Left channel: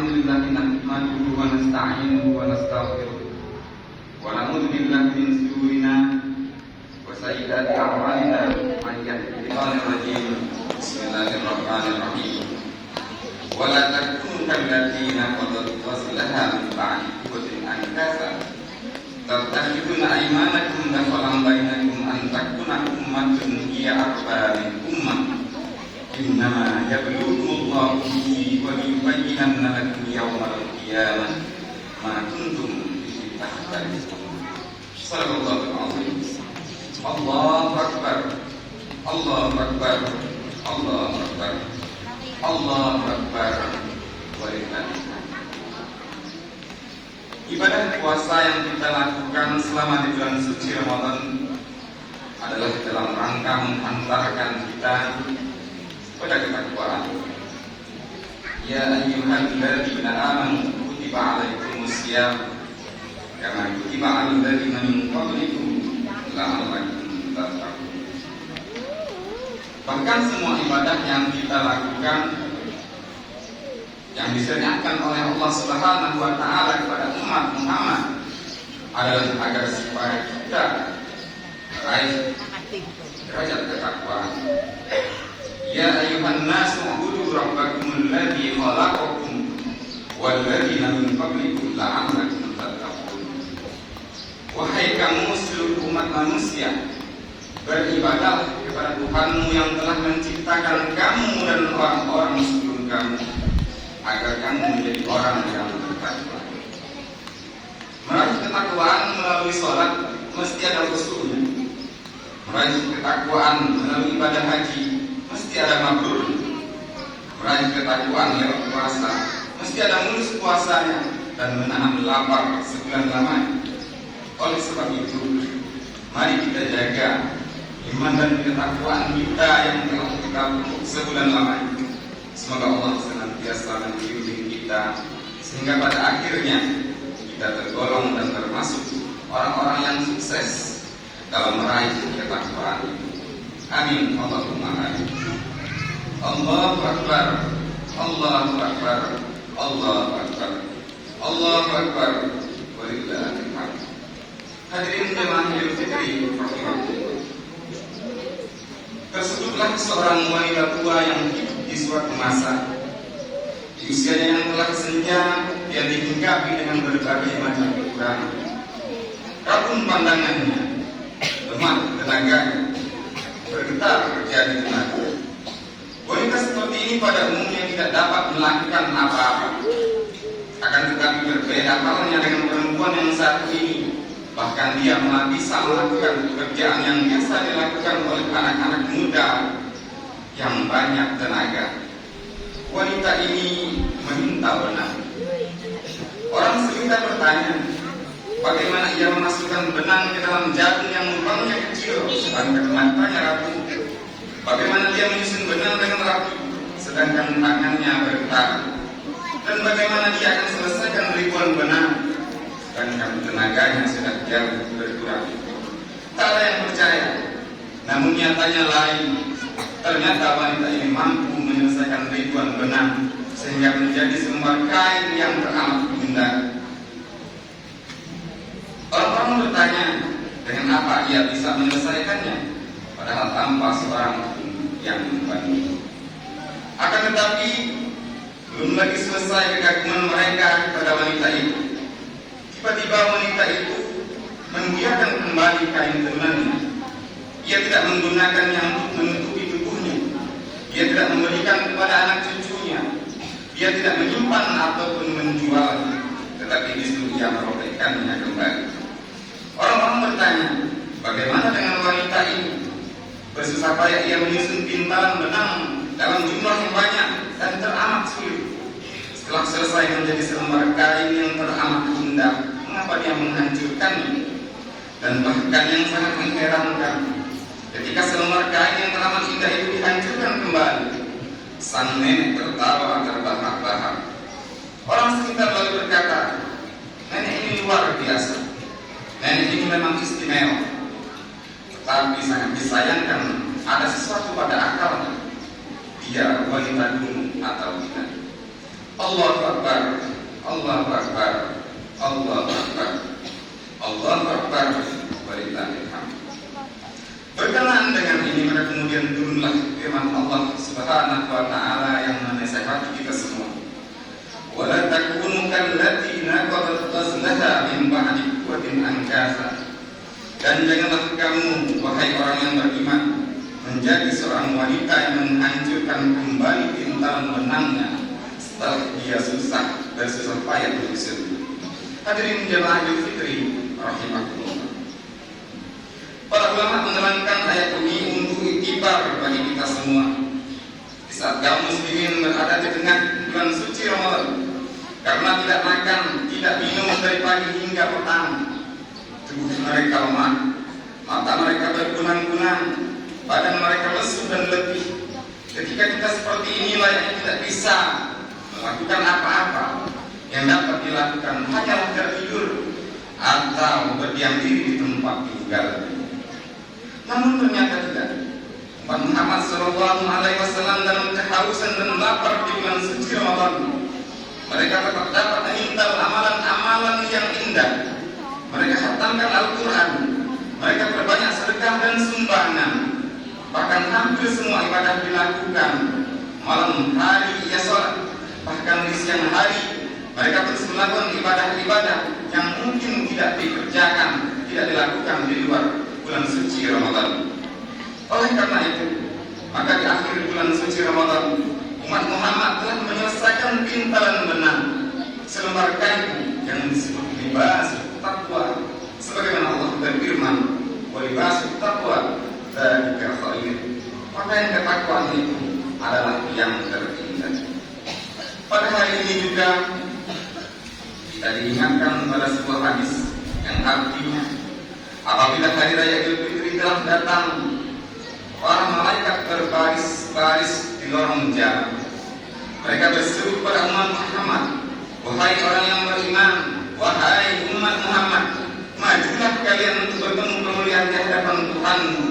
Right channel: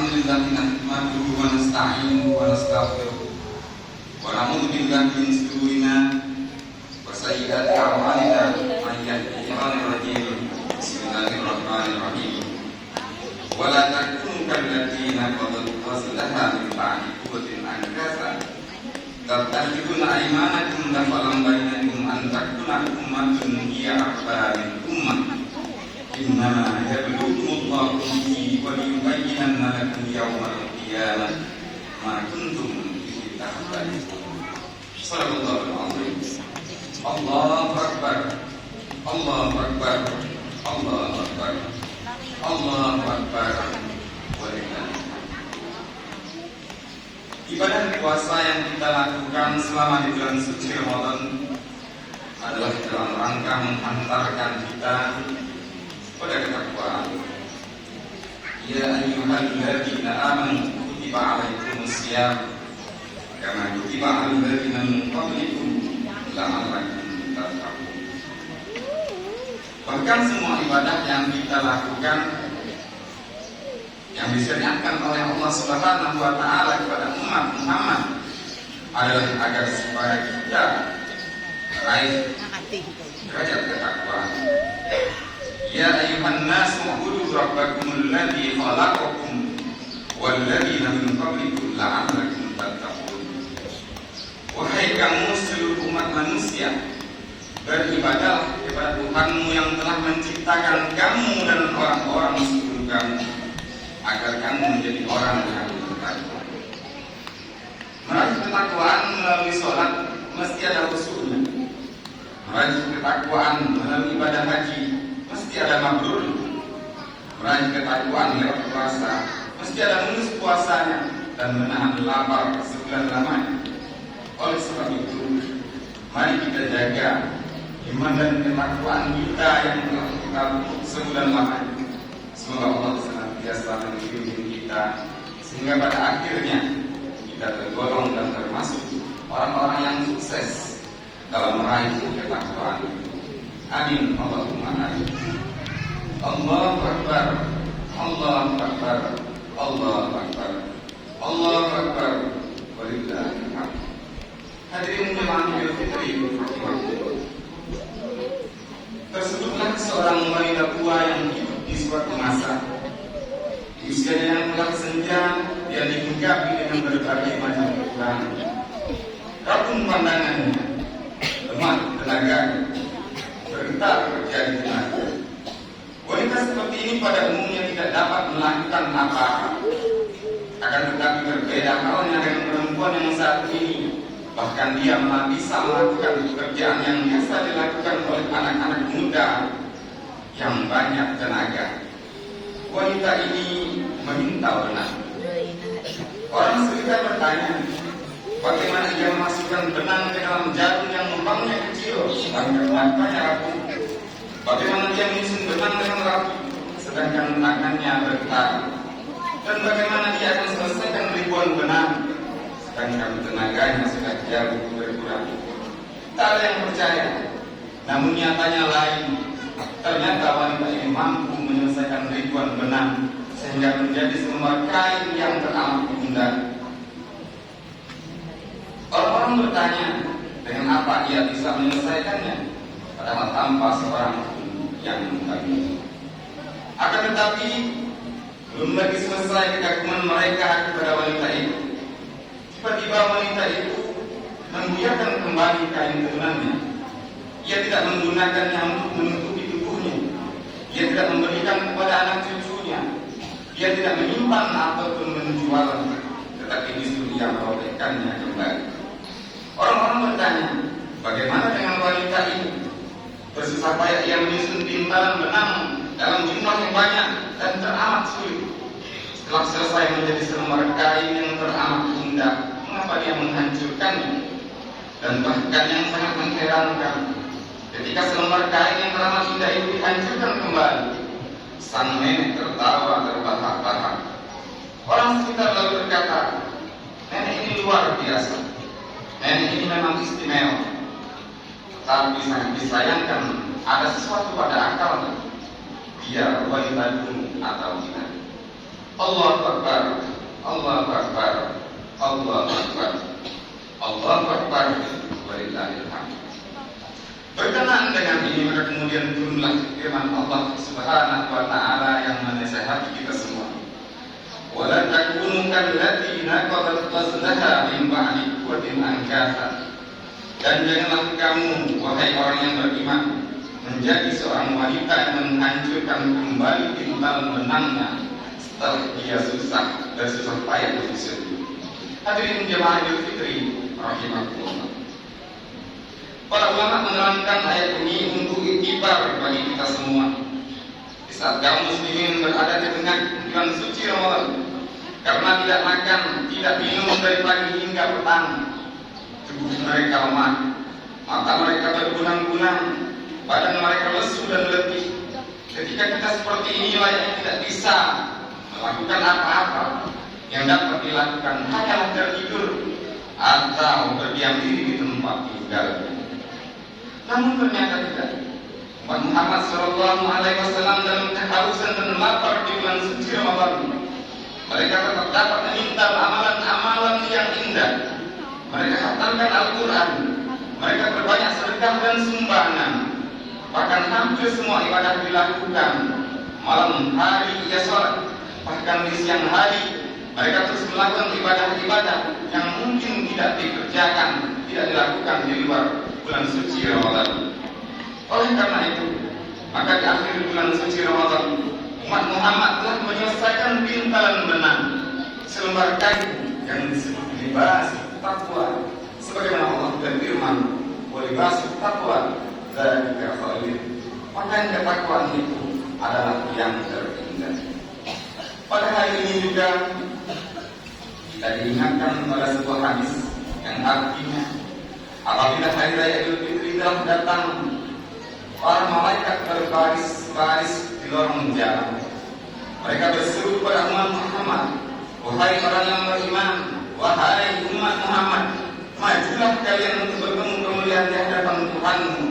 الحمد لله نحمده ونستعينه ونستغفره ونعوذ بالله من شرورنا وسيئات أعمالنا من يهده الله الرجيم بسم الله الرحمن الرحيم ولا تكونوا كالذين نقضوا غزلها من بعد قوة أنكاثا تتخذون أيمانكم دخلا بينكم أن تكون أمة هي أربى من أمة إنما يبلوكم الله به وليبينن لكم يوم القيامة ما كنتم به تختلفون. صدق الله العظيم. الله أكبر الله أكبر الله أكبر الله أكبر ولله. Ibadah puasa yang kita lakukan selama di bulan suci Ramadan adalah dalam rangka mengantarkan kita pada ketakwaan. Ya ayyuhalladzina amanu kutiba 'alaikumusiyam kama kutiba 'alal ladzina min qablikum la'allakum tattaqun. Bahkan semua ibadah yang kita lakukan yang disyariatkan oleh Allah Subhanahu wa taala kepada umat Muhammad adalah agar supaya kita meraih derajat ketakwaan. Ya ayyuhan nasu ubudu rabbakumul ladzi khalaqakum wal ladzina min qablikum la'allakum tattaqun. Wahai kamu seluruh umat manusia, beribadahlah kepada Tuhanmu yang telah menciptakan kamu dan orang-orang sebelum kamu, agar kamu menjadi orang yang bertakwa. Meraih ketakwaan melalui sholat mesti ada khusyuknya. Meraih ketakwaan melalui ibadah haji mesti ada mabrur. Meraih ketakwaan lewat puasa mesti ada mulus puasanya dan menahan lapar sebulan lamanya. Oleh sebab itu, mari kita jaga iman dan ketakwaan kita yang telah kita bentuk sebulan lamanya. Semoga Allah senantiasa membimbing kita sehingga pada akhirnya kita tergolong dan termasuk orang-orang yang sukses dalam meraih ketakwaan itu. Amin. Allahumma amin. Allahu Akbar Allahu Akbar Allahu Akbar Allahu Akbar walillahil hamd. Hadirin jemaah Idul Fitri rahimahullah. Tersebutlah seorang wanita tua yang hidup di suatu masa di usianya yang telah senja, yang dihinggapi dengan berbagai macam kekurangan. Rapuh pandangannya, lemah tenaganya, bergetar terjadi tenaga. Wanita seperti ini pada umumnya tidak dapat melakukan apa-apa. Akan tetapi berbeda halnya dengan perempuan yang satu ini. Bahkan dia malah bisa melakukan pekerjaan yang biasa dilakukan oleh anak-anak muda yang banyak tenaga. Wanita ini meminta benang. Orang sekitar bertanya, bagaimana ia memasukkan benang ke dalam jarum yang lubangnya kecil sedangkan matanya rapuh? Bagaimana dia menyusun benang dengan rapuh sedangkan tangannya bergetar? Dan bagaimana dia akan selesaikan ribuan benang sedangkan tenaganya sudah jauh berkurang? Tak ada yang percaya. Namun nyatanya lain. Ternyata wanita ini mampu menyelesaikan ribuan benang sehingga menjadi selembar kain yang teramat indah. Orang-orang bertanya, dengan apa ia bisa menyelesaikannya, padahal tanpa seorang yang membantu. Akan tetapi belum lagi selesai kekaguman mereka kepada wanita itu. Tiba-tiba wanita itu membuyarkan kembali kain tenunannya. Ia tidak menggunakannya untuk menutupi tubuhnya. Ia tidak memberikan kepada anak cucunya. Ia tidak menyimpan ataupun menjualnya, tetapi justru ia merobekkannya kembali. Orang-orang bertanya, bagaimana dengan wanita ini? Bersusah payah ia menyusun pintalan benang dalam jumlah yang banyak dan teramat sulit. Setelah selesai menjadi selembar kain yang teramat indah, mengapa dia menghancurkannya? Dan bahkan yang sangat mengherankan, ketika selembar kain yang teramat indah itu dihancurkan kembali, sang nenek tertawa terbahak-bahak. Orang sekitar lalu berkata, nenek ini luar biasa. Nenek ini memang istimewa. Tetapi sangat disayangkan ada sesuatu pada akalnya. Dia wanita dulu atau tidak. Allahu Akbar, Allahu Akbar, Allahu Akbar, Allahu Akbar, walillahil hamd. Berkenaan dengan ini maka kemudian turunlah firman Allah Subhanahu wa taala yang menasihati kita semua. Wala takunu kallati naqadat ghazlaha min ba'di quwwatin ankasa. Dan janganlah kamu wahai orang yang beriman menjadi seorang wanita yang menghancurkan kembali intan benangnya setelah dia susah dan susah payah menyusut. Hadirin jemaah Idul Fitri rahimakumullah. Para ulama menerangkan ayat ini untuk iktibar bagi kita semua di saat kaum muslimin berada di tengah bulan suci Ramadan. Karena tidak makan, tidak minum dari pagi hingga petang, tubuh mereka lemah, mata mereka berkunang-kunang, badan mereka lesu dan letih. Ketika kita seperti inilah yang tidak bisa melakukan apa-apa, yang dapat dilakukan hanyalah tertidur atau berdiam diri di tempat tinggal. Namun ternyata tidak. Umat Muhammad SAW dalam kehausan dan lapar di bulan suci Ramadan, mereka tetap dapat mengintal amalan-amalan yang indah. Mereka khatamkan Al-Quran, mereka berbanyak sedekah dan sumbangan. Bahkan hampir semua ibadah dilakukan. Malam hari ia sholat, bahkan di siang hari mereka terus melakukan ibadah-ibadah yang mungkin tidak dikerjakan, tidak dilakukan di luar bulan suci Ramadan. Oleh karena itu, maka di akhir bulan suci Ramadan, umat Muhammad telah menyelesaikan pintalan benang, selembar kain yang disebut libas taqwa, sebagaimana Allah berfirman, wa libas taqwa dzalika khair. Pakaian ketakwaan itu adalah yang terindah. Pada hari ini juga kita diingatkan pada sebuah hadis yang artinya apabila hari raya Idul Fitri telah datang, para malaikat berbaris-baris di lorong jalan. Mereka berseru kepada umat Muhammad, wahai orang yang beriman, wahai umat Muhammad, majulah kalian untuk bertemu kemuliaan di hadapan Tuhanmu.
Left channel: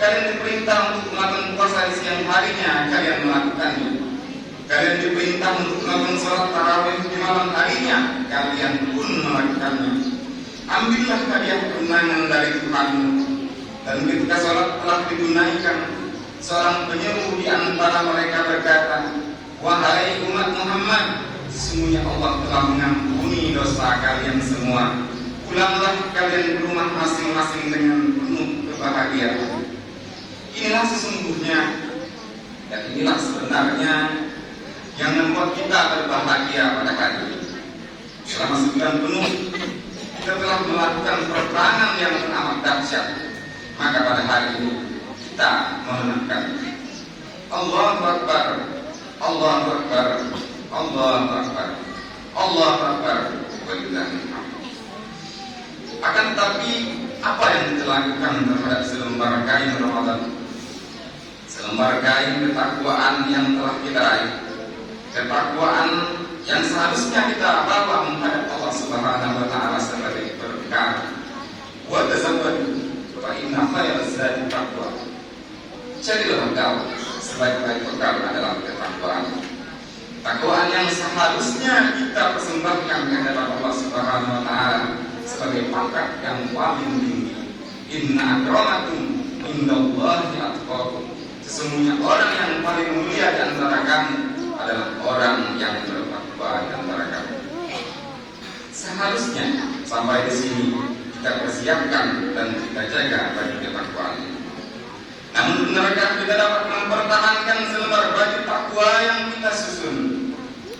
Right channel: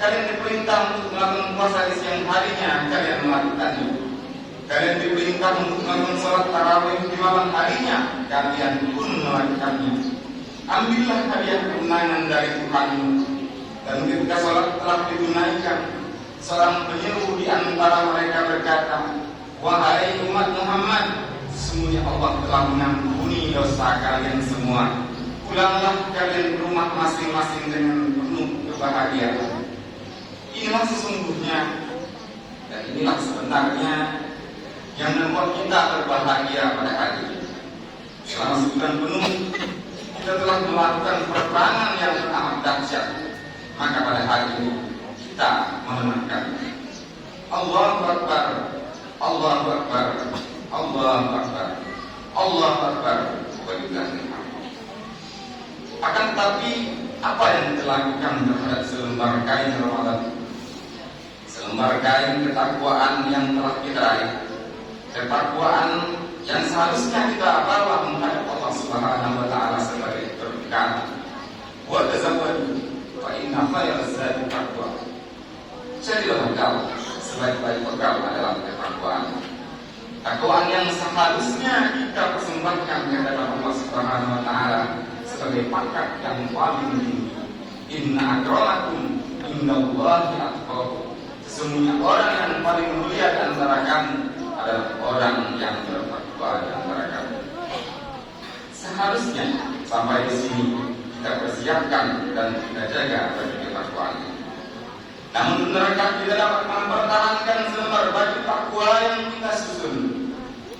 Kalian diperintah untuk melakukan puasa di siang harinya, kalian melakukannya. Kalian diperintah untuk melakukan salat tarawih di malam harinya, kalian pun melakukannya. Ambillah hadiah kemenangan dari Tuhanmu. Dan ketika salat telah ditunaikan, seorang penyeru di antara mereka berkata, wahai umat Muhammad, sesungguhnya Allah telah mengampuni dosa kalian semua. Pulanglah kalian ke rumah masing-masing dengan penuh kebahagiaan. Inilah sesungguhnya dan inilah sebenarnya yang membuat kita berbahagia pada hari ini. Selama sebulan penuh kita telah melakukan peperangan yang amat dahsyat. Maka pada hari ini kita memenangkan. Allahu Akbar, Allahu Akbar, Allahu Akbar, Allahu Akbar, walillahil hamd. Akan tetapi apa yang kita lakukan terhadap selembar kain Ramadan, selembar kain ketakwaan yang telah kita raih, ketakwaan yang seharusnya kita bawa menghadap Allah Subhanahu wa taala sebagai berkah. Wa tazawwadu fa inna khairaz zadi taqwa. Jadilah engkau sebaik-baik bekal adalah ketakwaan. Takwaan yang seharusnya kita persembahkan di hadapan Allah Subhanahu wa taala sebagai pangkat yang paling tinggi. Inna akramakum indallahi atqakum. Sesungguhnya orang yang paling mulia di antara kamu adalah orang yang bertakwa di antara kamu. Seharusnya sampai di sini kita persiapkan dan kita jaga baju ketakwaan. Namun benarkah kita dapat mempertahankan selembar baju takwa yang kita susun?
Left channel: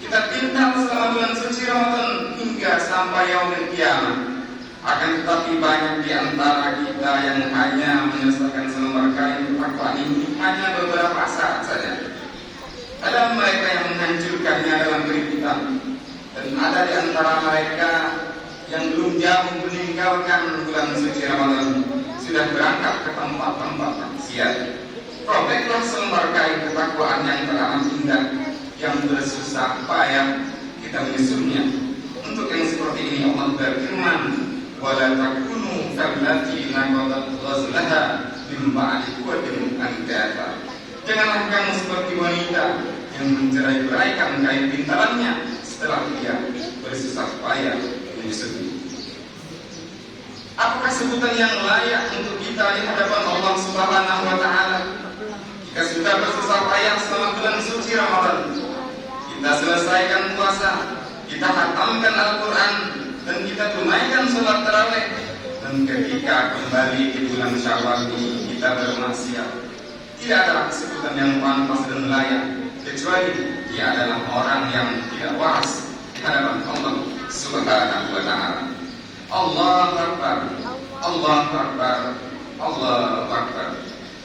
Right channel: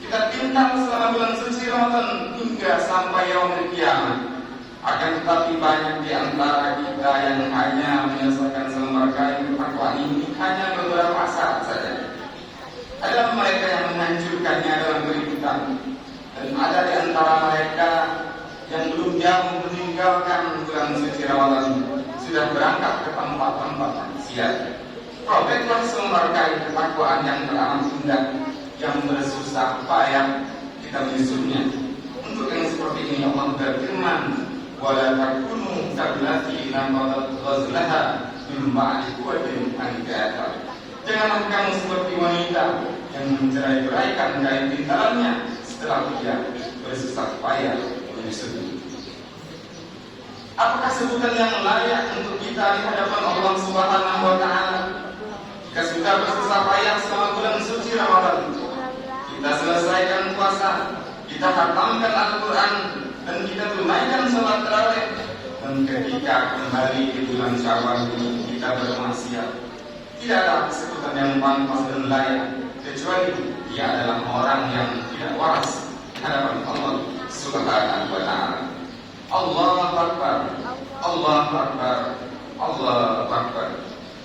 Kita pintar selama bulan suci Ramadan hingga sampai yaumul kiamat. Akan tetapi banyak di antara kita yang hanya menyelesaikan selembar kain ketakwaan ini hanya beberapa saat saja. Ada mereka yang menghancurkannya dalam keributan, dan ada di antara mereka yang belum jauh meninggalkan bulan suci Ramadan sudah berangkat ke tempat-tempat maksiat. Robeklah selembar kain ketakwaan yang teramat indah, yang bersusah payah kita menyusunnya. Untuk yang seperti ini Allah berfirman, wala takunu kallati naqadat ghazlaha min ba'di quwwatin ankasa. Janganlah kamu seperti wanita yang mencerai-beraikan kain pintalannya setelah dia bersusah payah menyusui. Apakah sebutan yang layak untuk kita di hadapan Allah Subhanahu wa Ta'ala? Jika sudah bersusah payah selama bulan suci Ramadan, kita selesaikan puasa, kita hatamkan Al-Quran, dan kita tunaikan sholat tarawih, dan ketika kembali di bulan Syawal kita bermaksiat, tidak ada sebutan yang pantas dan layak kecuali dia adalah orang yang tidak waras di hadapan Allah Subhanahu wa Ta'ala. Allahu Akbar, Allahu Akbar, Allahu Akbar,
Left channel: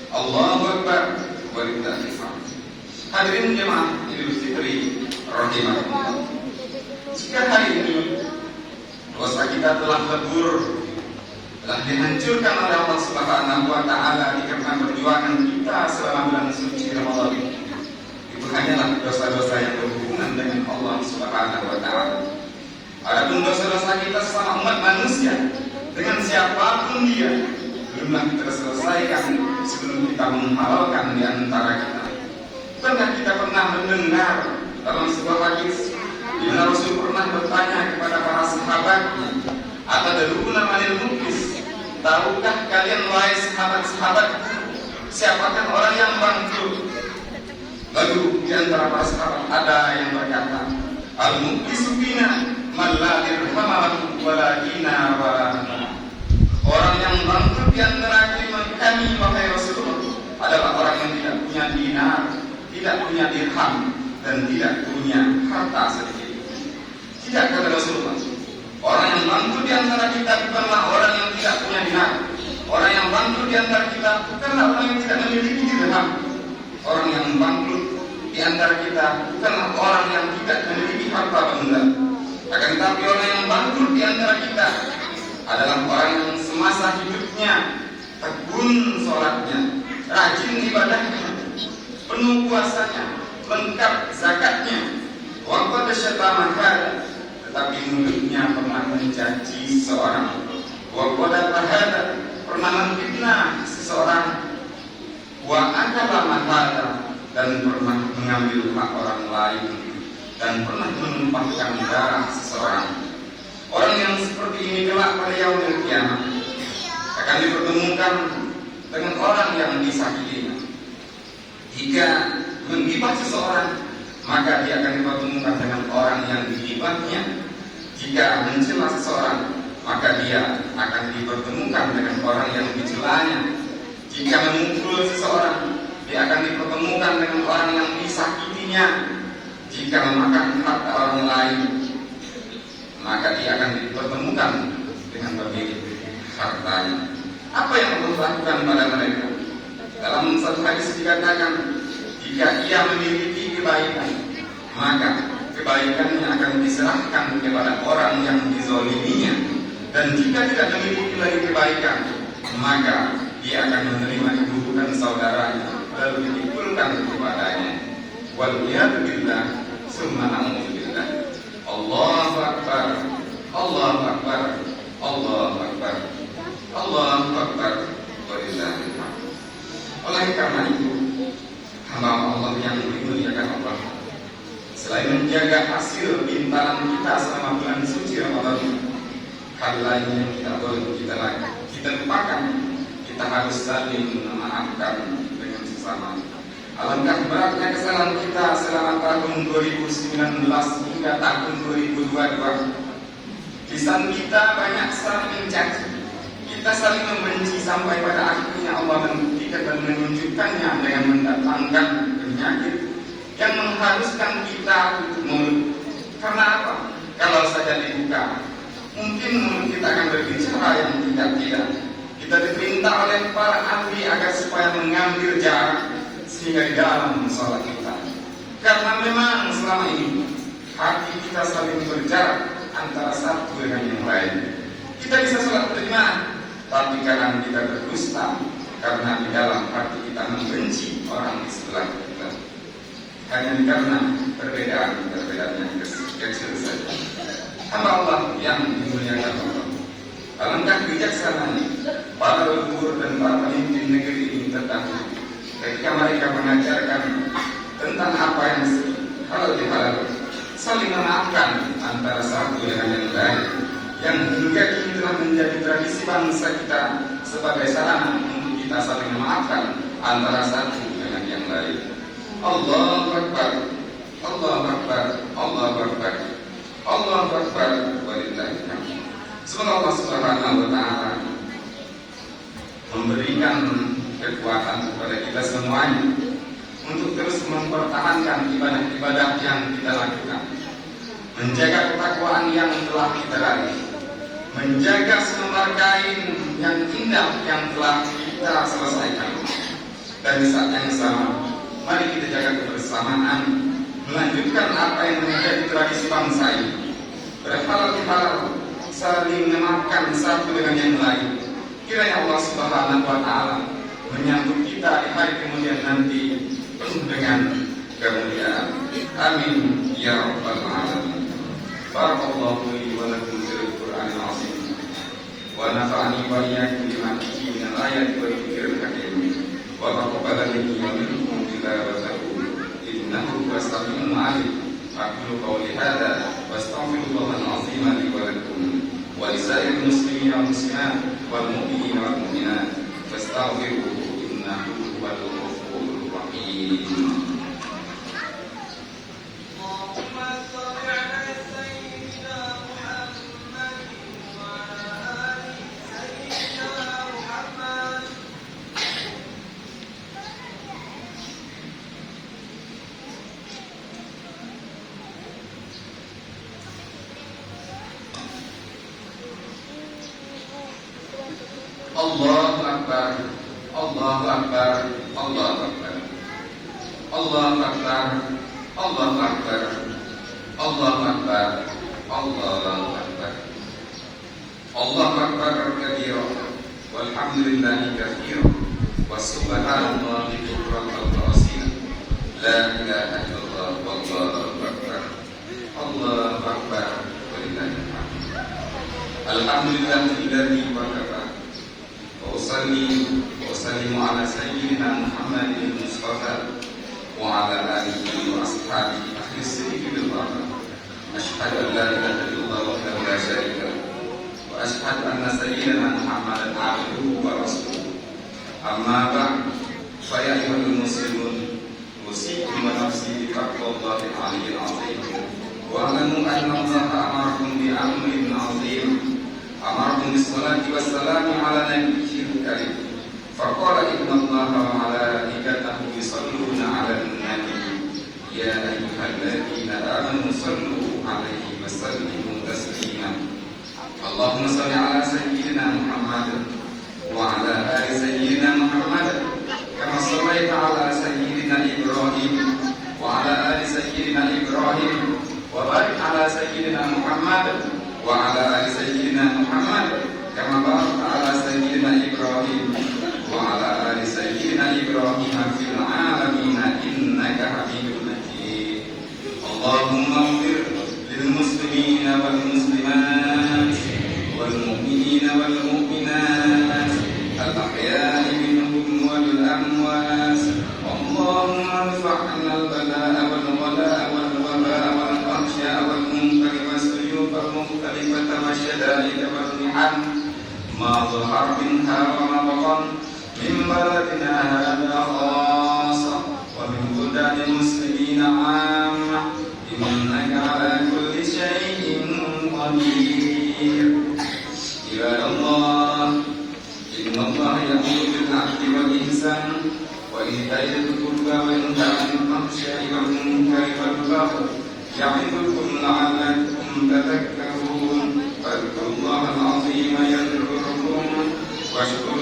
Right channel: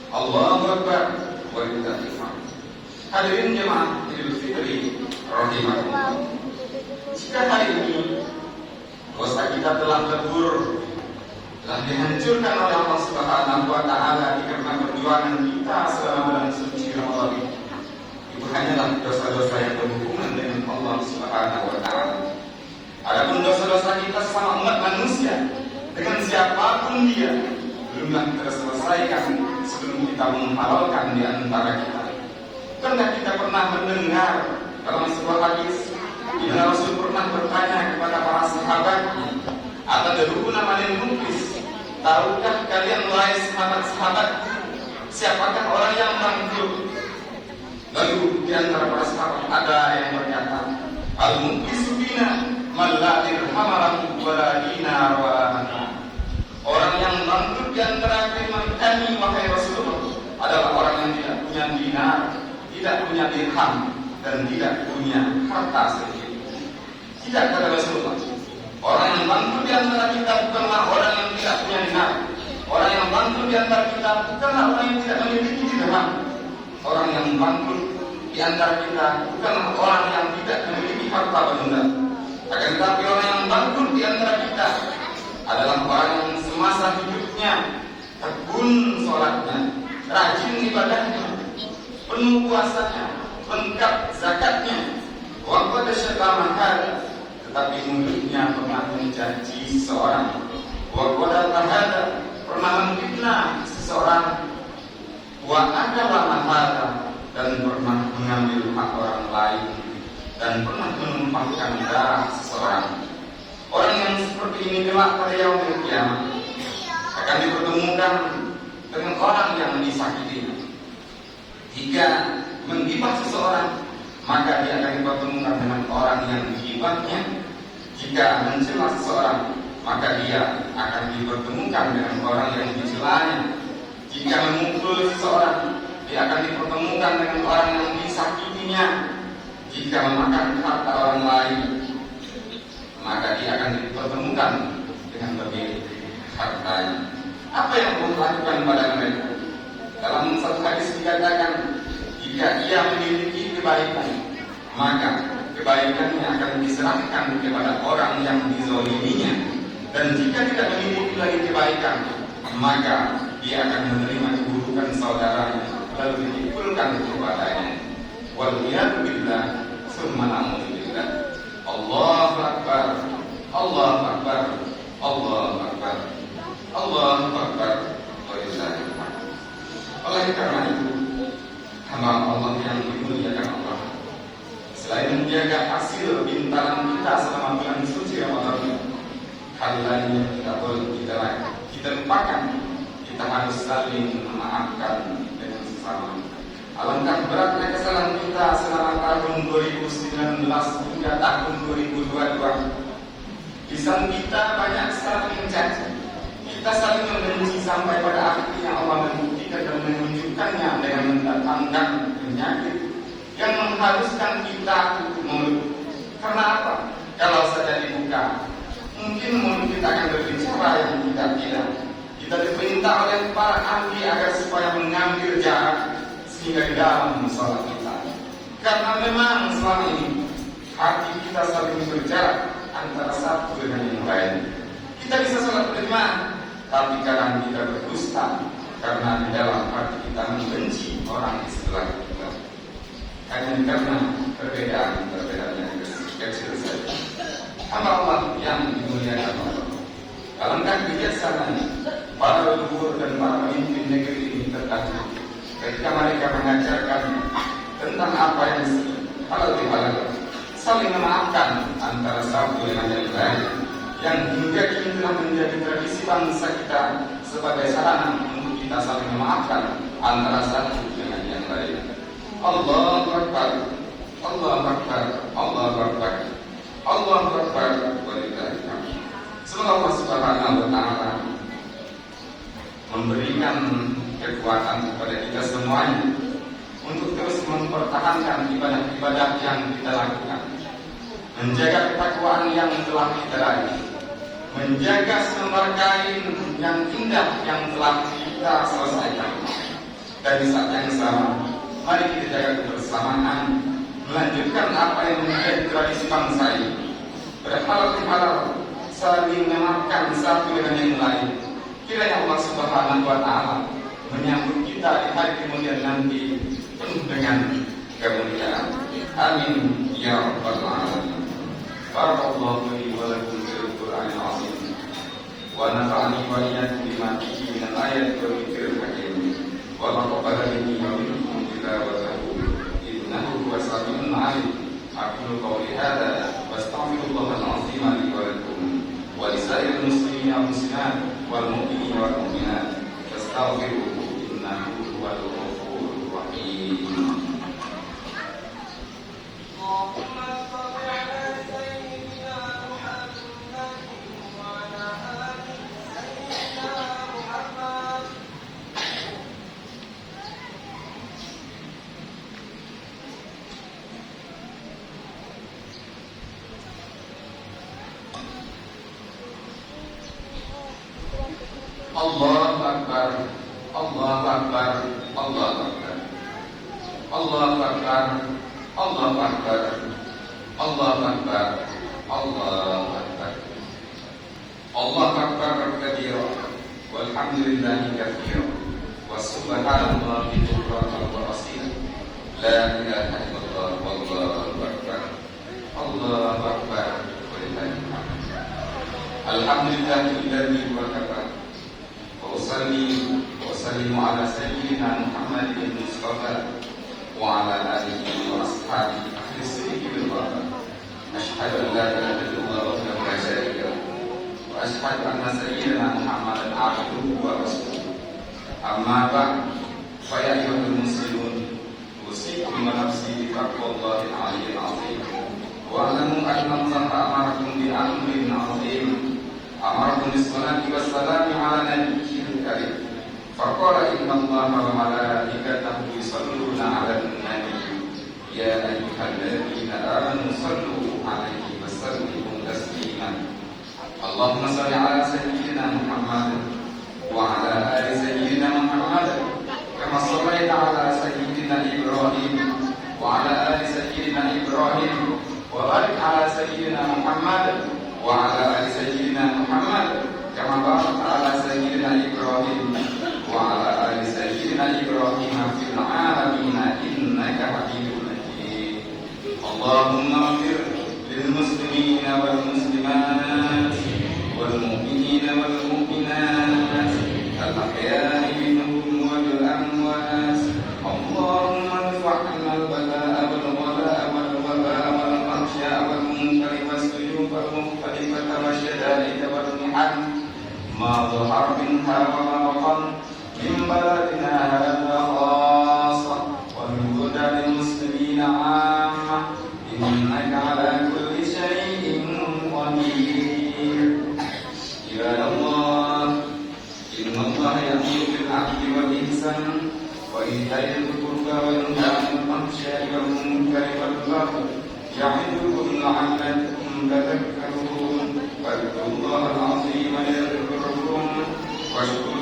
Allahu Akbar, walillahil hamd. Hadirin jemaah Idul Fitri rahimakumullah. Jika hari ini dosa kita telah lebur, telah dihancurkan oleh Allah Subhanahu wa Ta'ala dikarenakan perjuangan kita selama bulan suci Ramadan, itu hanyalah dosa-dosa yang berhubungan dengan Allah Subhanahu wa Ta'ala. Adapun dosa-dosa kita sesama umat manusia dengan siapapun dia belumlah terselesaikan sebelum kita menghalalkan di antara kita. Bukankah kita pernah mendengar dalam sebuah hadis di mana Rasul pernah bertanya kepada para sahabatnya, "Atadruna manil muflis?" Tahukah kalian wahai sahabat-sahabat, siapakah orang yang bangkrut? Lalu di antara para sahabat ada yang berkata, "Al-muflisu bina man la dirham lahu wa la dinar wa la mata." Orang yang bangkrut di antara kami wahai Rasulullah adalah orang yang tidak punya dinar, tidak punya dirham, dan tidak punya harta sedikit. Tidak, kata Rasulullah, orang yang bangkrut di antara kita bukanlah orang yang tidak punya dinar. Orang yang bangkrut di antara kita bukanlah orang yang tidak memiliki dirham. Orang yang bangkrut di antara kita bukanlah orang yang tidak memiliki harta benda. Akan tetapi orang yang bangkrut di antara kita adalah orang yang semasa hidupnya tekun sholatnya, rajin ibadahnya, penuh puasanya, lengkap zakatnya, waqad syatama hada, tetapi mulutnya pernah mencaci seseorang, waqad hada, pernah memfitnah seseorang, wa akala mahada, dan pernah mengambil hak orang lain, dan pernah menumpahkan darah seseorang. Orang yang seperti ini kelak pada yaumul qiyamah akan dipertemukan dengan orang yang disakitinya. Jika menggibah seseorang, maka dia akan dipertemukan dengan orang yang digibahnya. Jika mencela seseorang, maka dia akan dipertemukan dengan orang yang dicelanya. Jika memukul seseorang, dia akan dipertemukan dengan orang yang disakitinya. Jika memakan harta orang lain, maka dia akan dipertemukan dengan pemilik hartanya. Apa yang Allah lakukan pada mereka? Dalam satu hadis dikatakan, jika ia memiliki kebaikan, maka kebaikannya akan diserahkan kepada orang yang dizoliminya. Dan jika tidak memiliki lagi kebaikan, maka dia akan menerima keburukan saudaranya, lalu dipukulkan kepadanya. Waliyadu billah, summa na'udzubillah. Allahu Akbar, Allahu Akbar, Allahu Akbar, Allahu Akbar, walillahil hamd. Oleh karena itu, hamba Allah yang dimuliakan Allah, selain menjaga hasil bintalan kita selama bulan suci Ramadan, hal lain yang tidak boleh kita lupakan. Kita harus saling memaafkan dengan sesama. Alangkah beratnya kesalahan kita selama tahun 2019 hingga tahun 2022. Lisan kita banyak saling mencaci, kita saling membenci, sampai pada akhirnya Allah membuktikan dan menunjukkannya dengan mendatangkan penyakit yang mengharuskan kita tutup mulut. Karena apa? Kalau saja dibuka, mungkin mulut kita akan berbicara yang tidak. Kita diperintah oleh para ahli agar supaya mengambil jarak sehingga di dalam musola kita. Karena memang selama ini hati kita saling berjarak antara satu dengan yang lain. Kita bisa sholat berjamaah, tapi kadang kita berdusta karena di dalam hati kita membenci orang di sebelah kita. Hanya karena perbedaan yang kecil saja. Hamba Allah yang dimuliakan Allah, alangkah bijaksananya para leluhur dan para pemimpin negeri ini terdahulu ketika mereka mengajarkan tentang apa yang halal dihalal, saling memaafkan antara satu dengan yang lain, yang hingga kini telah menjadi tradisi bangsa kita sebagai sarana untuk kita saling memaafkan antara satu dengan yang lain. Allahu Akbar, Allahu Akbar, Allahu Akbar, Allahu Akbar, walillahil hamd. Semoga Allah Subhanahu wa taala memberikan kekuatan kepada kita semuanya untuk terus mempertahankan ibadah-ibadah yang kita lakukan, menjaga ketakwaan yang telah kita raih, menjaga selembar kain yang indah yang telah kita selesaikan. Dan di saat yang sama, mari kita jaga kebersamaan, melanjutkan apa yang menjadi tradisi bangsa ini, berhalal bihalal, saling memaafkan satu dengan yang lain. Kiranya Allah Subhanahu wa taala menyambut kita di hari kemudian nanti penuh dengan kemuliaan. Amin ya rabbal alamin. Barakallahu li wa lakum fil Qur'anil azim. Wa nafa'ani wa iyyakum bima fihi min al-ayati wal dhikril hakim. Wa taqabbal minni wa minkum tilawatahu innahu huwas samiul 'alim. Aqulu qawli hadza wa astaghfirullahal azim li wa lakum wa lisa'iril muslimin wal muslimat wal mu'minina wal mu'minat. Fastaghfiruhu innahu huwal ghafurur rahim. Allahu Akbar, Allahu Akbar, Allahu Akbar, Allahu Akbar, Allahu Akbar, Allahu Akbar, Allahu Akbar, Allahu Akbar kabira, walhamdulillahi katsira, wa subhanallahi bukratan wa asila, la ilaha illallah, wallahu akbar, Allahu Akbar, walillahil hamd. Alhamdulillahilladzi wakafa. وأصلي وأسلم على سيدنا محمد المصطفى وعلى آله وأصحابه أهل الصدق بالغرفة. أشهد أن لا إله إلا الله وحده لا شريك له وأشهد أن سيدنا محمدا عبده ورسوله. أما بعد فيا أيها المسلمون أوصيكم ونفسي بتقوى الله العلي العظيم واعلموا أن الله أمركم بأمر عظيم. أمركم بالصلاة والسلام على نبيه الكريم فقال إن الله وملائكته يصلون على النبي يا أيها الذين آمنوا صلوا عليه وسلموا تسليما. اللهم صل على سيدنا محمد وعلى آل سيدنا محمد كما صليت على سيدنا إبراهيم وعلى آل سيدنا إبراهيم وبارك على سيدنا محمد وعلى آل سيدنا محمد كما باركت على سيدنا إبراهيم وعلى آل سيدنا إبراهيم في العالمين إنك حميد مجيد. اللهم اغفر للمسلمين والمسلمات والمؤمنين والمؤمنات الأحياء منهم والأموات. اللهم ارفع عنا البلاء والغلاء والوباء والفحشاء والمنكر والسيوف المختلفة والشدائد والمحن ما ظهر منها وما بطن من بلدنا هذا خاصة ومن بلدان المسلمين عامة إنك على كل شيء قدير. عباد الله إن الله يأمر بالعدل والإحسان وإيتاء ذي القربى وينهى عن الفحشاء والمنكر والبغي يعظكم لعلكم تذكرون. فاذكروا الله العظيم يذكركم واشكروه